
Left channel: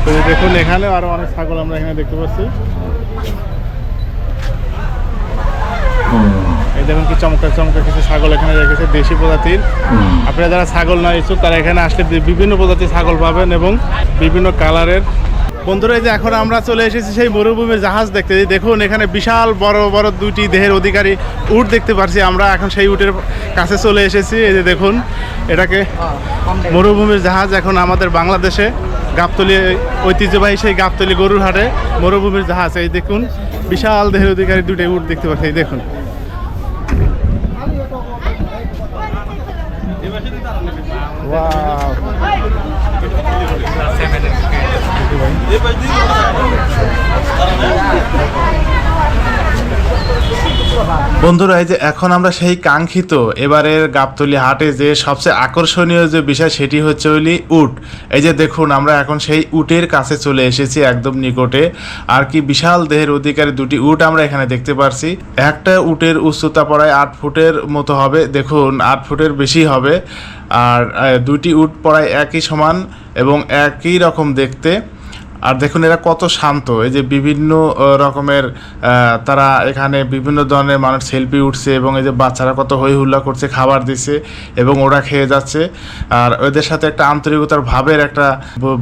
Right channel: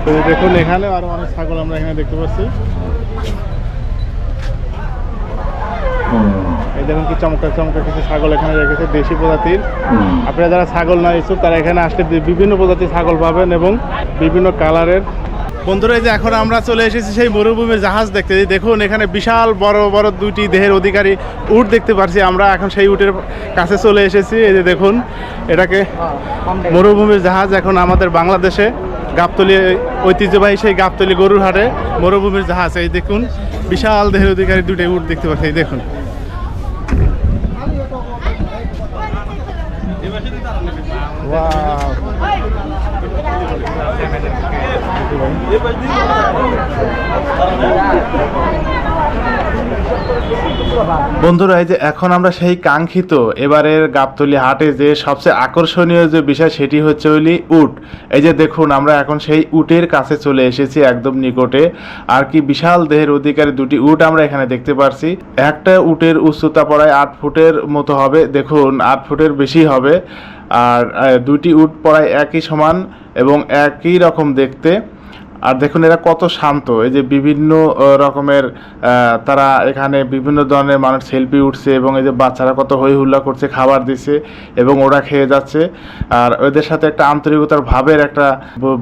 তো দেখুন এখানে আরও অনেক ছাগল আমরা এখানে দেখতে পাচ্ছি। এই দেখুন কি চমৎকার চমৎকার কিছু ছাগল এখানে রেখেছে দেশি প্রজাতির। আপনারা যারা ছাগল না ইচ্ছুক তারা এখানে আসলে বিভিন্ন প্রজাতির ছাগল পাবেন এবং বিভিন্ন কালারের বন্ধুরা, এই যে এখন আমরা চলে এসেছি সেই মরুভূমির জাহাজ দেখতে। দেখুন, এখানে বিশাল বড় বড় দুইটি দেহের অধিকারী উট দেখতে পারছি। আমরা এখন সেই উটের কাছে চলে এসেছি। এই যে দেখুন, এটাকে মরুভূমির জাহাজ এখন আমাদের বাংলাদেশে গাবতলি, ঐতিহ্যবাহী সেই গাবতলি গরুর হাটে মরুভূমির জাহাজ। এই দেখুন, বিশাল দেহের অধিকারী দুটো উট দেখতে পাচ্ছি। এই দেখুন। Wow. বন্ধুরা, এই যে এখন আমরা সেই কাঙ্ক্ষিত এবারের গাবতলি হাটে যে সবচেয়ে আকর্ষণীয় যে বিষয় সেটি হচ্ছে হইলি উট। এই যে দেখুন, আমরা এখন সেই উটের কাছে চলে এসেছি একদম নিকটে। আর কি বিশাল দেহের অধিকারী দুটি উট আমরা এখানে দেখতে পারছি। একটা উটের উচ্চতা পড়ায় আট ফুটের মতো হবে, দেখুন, আট ফুটের বেশি হবে। আর দুটি উট পড়ায় একই সমান এবং একই রকম দেখতে। আর দেখুন, এরা কত শান্ত। এই যে বিভিন্ন রকমের তারা এখানে বিভিন্ন ধরনের মানুষ সেলফি উঠছে এবং এই যে বাচ্চারা কত হই হুল্লা করছে, খাবার দিচ্ছে এবং ওরা খেয়ে যাচ্ছে। আর ওদের সাথে একটা আন্তরিকতার ভাবের একটা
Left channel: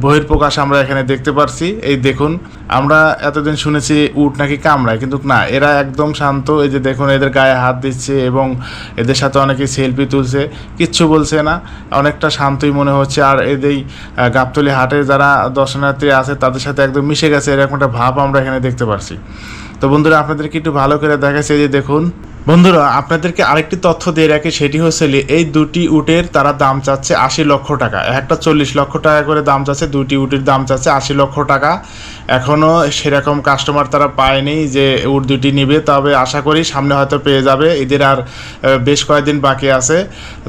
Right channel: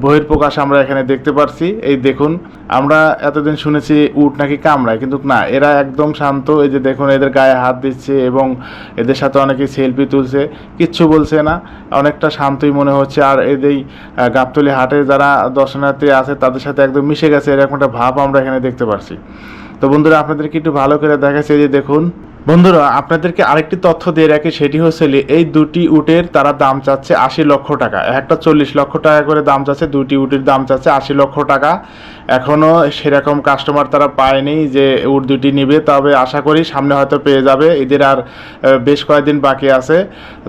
বহির্প্রকাশ আমরা এখানে দেখতে পারছি। এই দেখুন, আমরা এতদিন শুনেছি উট নাকি কামড়ায়, কিন্তু না, এরা একদম শান্ত। এই যে দেখুন, এদের গায়ে হাত দিচ্ছে এবং এদের সাথে অনেকে সেলফি তুলছে, কিচ্ছু বলছে না। অনেকটা শান্তই মনে হচ্ছে। আর এদের গাবতলি হাটে যারা দর্শনার্থী আছে, তাদের সাথে একদম মিশে গেছে, এরকম একটা ভাব আমরা এখানে দেখতে পারছি। তো বন্ধুরা, আপনাদেরকে একটু ভালো করে দেখাচ্ছে যে দেখুন। বন্ধুরা, আপনাদেরকে আরেকটি তথ্য দিয়ে রাখি, সেটি হচ্ছে এই দুটি উটের তারা দাম চাচ্ছে আশি লক্ষ টাকা। একটা চল্লিশ লক্ষ টাকা করে দাম চাচ্ছে, দুটি উটের দাম চাচ্ছে আশি লক্ষ টাকা। এখনও সেরকম কাস্টমার তারা পায়নি যে উট দুটি নিবে, তবে আশা করি সামনে হয়তো পেয়ে যাবে। এদের আর বেশ কয়েকদিন বাকি আছে।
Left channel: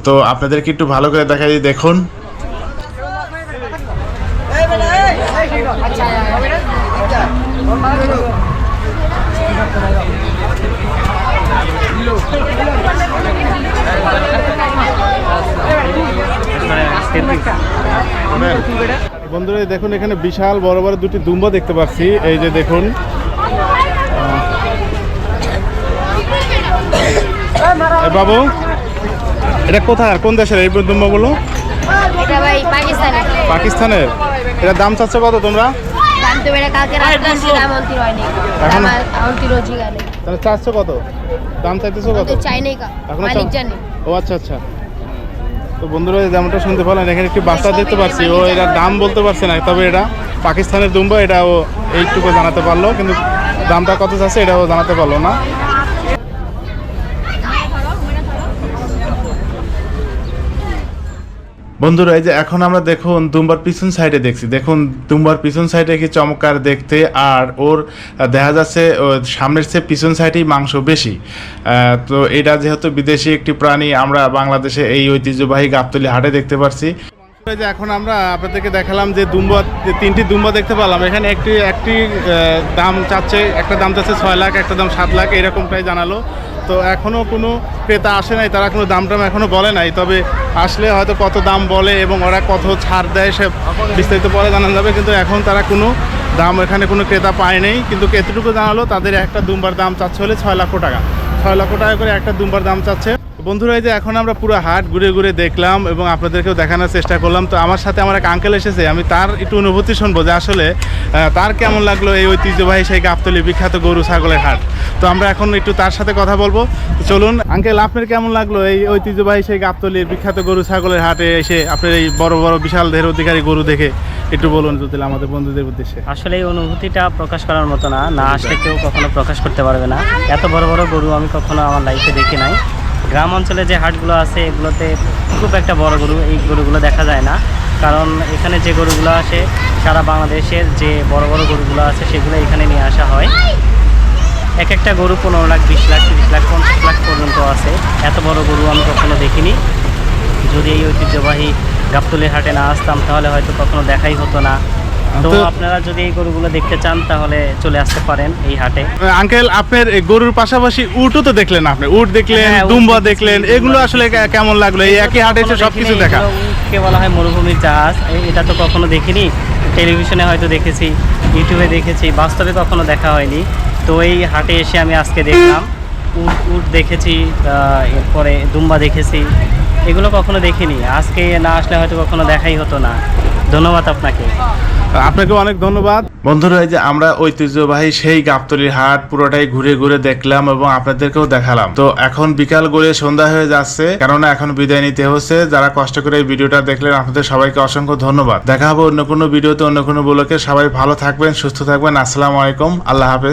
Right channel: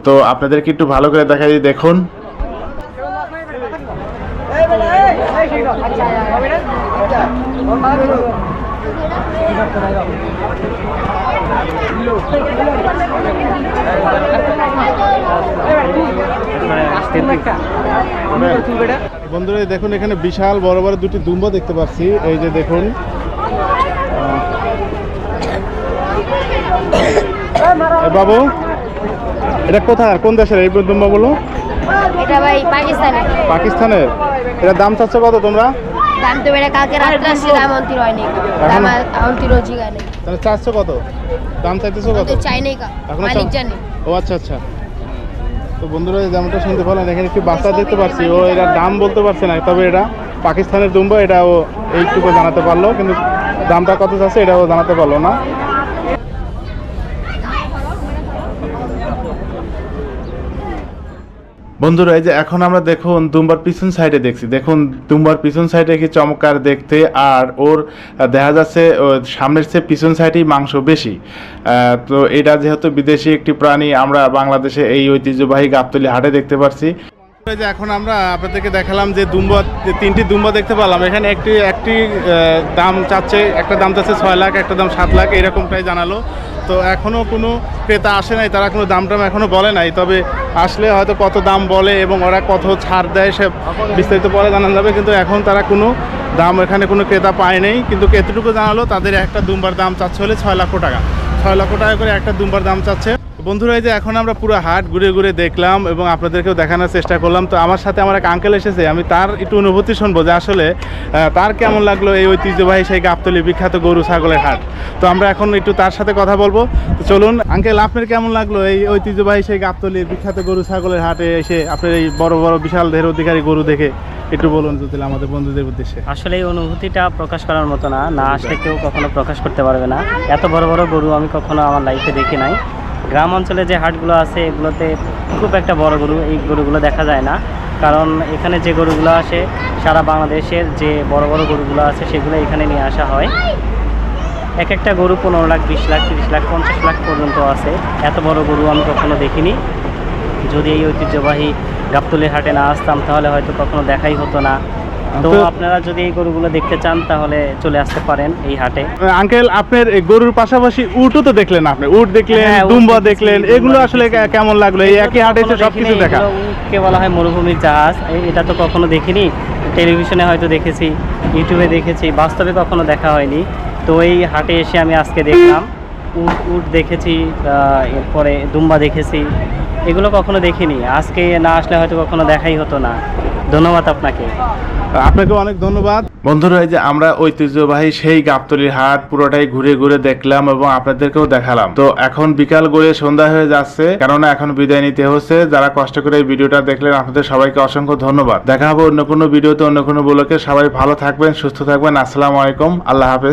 তো আপনাদেরকে একটু ভালো করে দেখাই, দেখুন। বন্ধুরা দেখুন এখানে বিশাল বড় বড় দুটি দুম্বা দেখতে পাচ্ছি। এই যে দেখুন বাবু এটা কোথায়? কোন দেশের? এই দুম্বাগুলো এটা ভাই পাকিস্তানের। এটা দাম চাচ্ছ কত তোমরা? তো বেড়ে কালকে রাত্রে দাম অন্তির হয়নি। দাম অন্তির নেই তাহলে চারশো কত? দাম চাইতেছো কত? চাইনি চাই নেই কা মালিক জানে। ও আচ্ছা আচ্ছা। তো বন্ধুরা এই যেমনটা শুনতে পারলেন এখানে একটি বাচ্চা দেখতে পাচ্ছি। ও এটা দাম বলতে পারছে না তবে এটা পাকিস্তানের দুম্বা এটা ও এইটুকু জানাতে পারল কিন্তু দামটা কত চাচ্ছে এটা ও জানাতে পারল না। বন্ধুরা, এই যে এখন আমরা দেখুন দুম্বার পিছন সাইডে দেখছি। দেখুন দুম্বার পিছন সাইডে কি চমৎকার দেখতে, আর ওর দেখা যাচ্ছে সামনের চেয়ে পিছন সাইডেই মাংস বেশি। তো এটা যেহেতু বিদেশি একটি প্রাণী, আমরা বাংলাদেশে এই ঐতিহ্যবাহী গাবতলি হাটে দেখতে পারছি। যে এখন আমরা আপনাদেরকে দেখালাম যে দুম্বা তিনটি দুম্বা দেখতে পেলাম। এখানে একটি একটি দাম চাচ্ছে, একটা দাম চাচ্ছে ছয় লাখ, একটা দাম সাত লাখ, এরকমটাই জানালো। তো এখনও কোনো ক্রেতা আসে নাই, তারা কোনো দাম টাম এখনও বলে নাই। তবে আসলে হয়তো কত দাম বলে এবং ওরা কত ছাড় দেয় সে বিস্তারিত পরে জানা যাবে, কিন্তু এখন তারা কোনো দাম এখানে কোনো ক্রেতা পায় নেই। কিন্তু কেতটুকু জানালো, তাদের একটা দুম্বার দাম চাচ্ছে হলে ছয় লক্ষ টাকা। ছয় লক্ষ টাকা করে একটা দুম্বার দাম চাচ্ছে। বন্ধুরা, এই যে এখন আমরা পুরো হাট ঘুরে ঘুরে দেখলাম এবং আপনাদেরকেও দেখানোর চেষ্টা করলাম। তো আমার সাথে আমার এক আঙ্কেল এসেছে, আমি তার একটু অনুভূতি শুনব যে আসলে তার কেমন লাগল এই ঐতিহ্যবাহী সেই গাবতলি বিখ্যাত গরু ছাগলের হাট। তো আমরা এখন একটু তার সাথে কথা বলব। তো চলুন আঙ্কেল আপনার কেমন লাগল এই ঐতিহ্যবাহী সেই গাবতলির বিখ্যাত গরু ছাগলের হাটে এসে আপনার এই বড় বড় বিশাল দেহের অধিকারী গরু দেখে একটু বলুন যদি আমাদের বন্ধুদের উদ্দেশ্যে। আসলে এই অনুভূতিটা প্রকাশ করার মতো না না আসলে কেউ কখনো প্রকাশ করতে পারবে না। এত বড় বড় গরু আমি কখনো আমার লাইফে দেখি নাই। গ্রাম অঞ্চলে যে হাটগুলো আছে, এগুলোতে খুব একটা বড় গরু এই গরুগুলো দেখা যায় না। কারণ এখানে যে গরুগুলো আসে, সারা বাংলাদেশের যে বড় বড় গরুগুলো আছে, সেগুলো এখানে নিয়ে আসা হয়। এক একটা গরু পনেরো লাখ, বিশ লাখ, তিরিশ লাখ, পঞ্চাশ লাখ পর্যন্ত আছে। এত বড় গরু আমি কখনো দেখিনি। যদি এই ঐতিহ্যবাহী গাবতলির হাটে না আসতাম, তাহলে হয়তো কখনো দেখাই হতো না। তো আপনারা যদি এই গরুগুলো দেখতে চান তাহলে চলে আসতে পারেন এই হাটে। আঙ্কেল আপনার গরুর পাশাপাশি উটও তো দেখলেন আপনি। উট দেখলেন হ্যাঁ, দুম্বা দেখলেন এগুলো আসলে কেমন লাগল? এই একই হাটে এসে সবকিছু দেখা। উটকে বলা হয় মরুভূমির জাহাজ। এটা তো কখনো দেখিনি। টেলিভিশনে হয়তো দেখেছি ইউটিউবে দেখেছি বাস্তবে কখনো দেখা হয়নি। তো এই হাটে এসে আমি আজকে দেখলাম। উট উট দেখেছি এরপরে দুম্বা দেখেছি। এগুলো কখনো দেখিনি। আজকে না আসলে হয়তো কখনো দেখাই হতো না। ধন্যবাদ আপনাকে। আপনাকে অনেক ধন্যবাদ। বন্ধুরা যে আমরা ঐতিহ্যবাহী সেই গাবতলির হাট পুরোটাই ঘুরে ঘুরে দেখলাম এবং আপনাদেরকেও দেখালাম। তো এখন বিকাল গড়িয়ে সন্ধ্যা হয়ে যাচ্ছে, কেননা এখন বিদায় নিতে হচ্ছে। যারা কষ্ট করে এই ভিডিওটা দেখলেন, আপনাদের সবাইকে অসংখ্য ধন্যবাদ। দেখা হবে অন্য কোনো ভিডিওতে, অন্য কোনো ব্লকে সবাই ভালো থাকবেন, সুস্থ থাকবেন। আসসালামু আলাইকুম। আল্লাহ হাফেজ।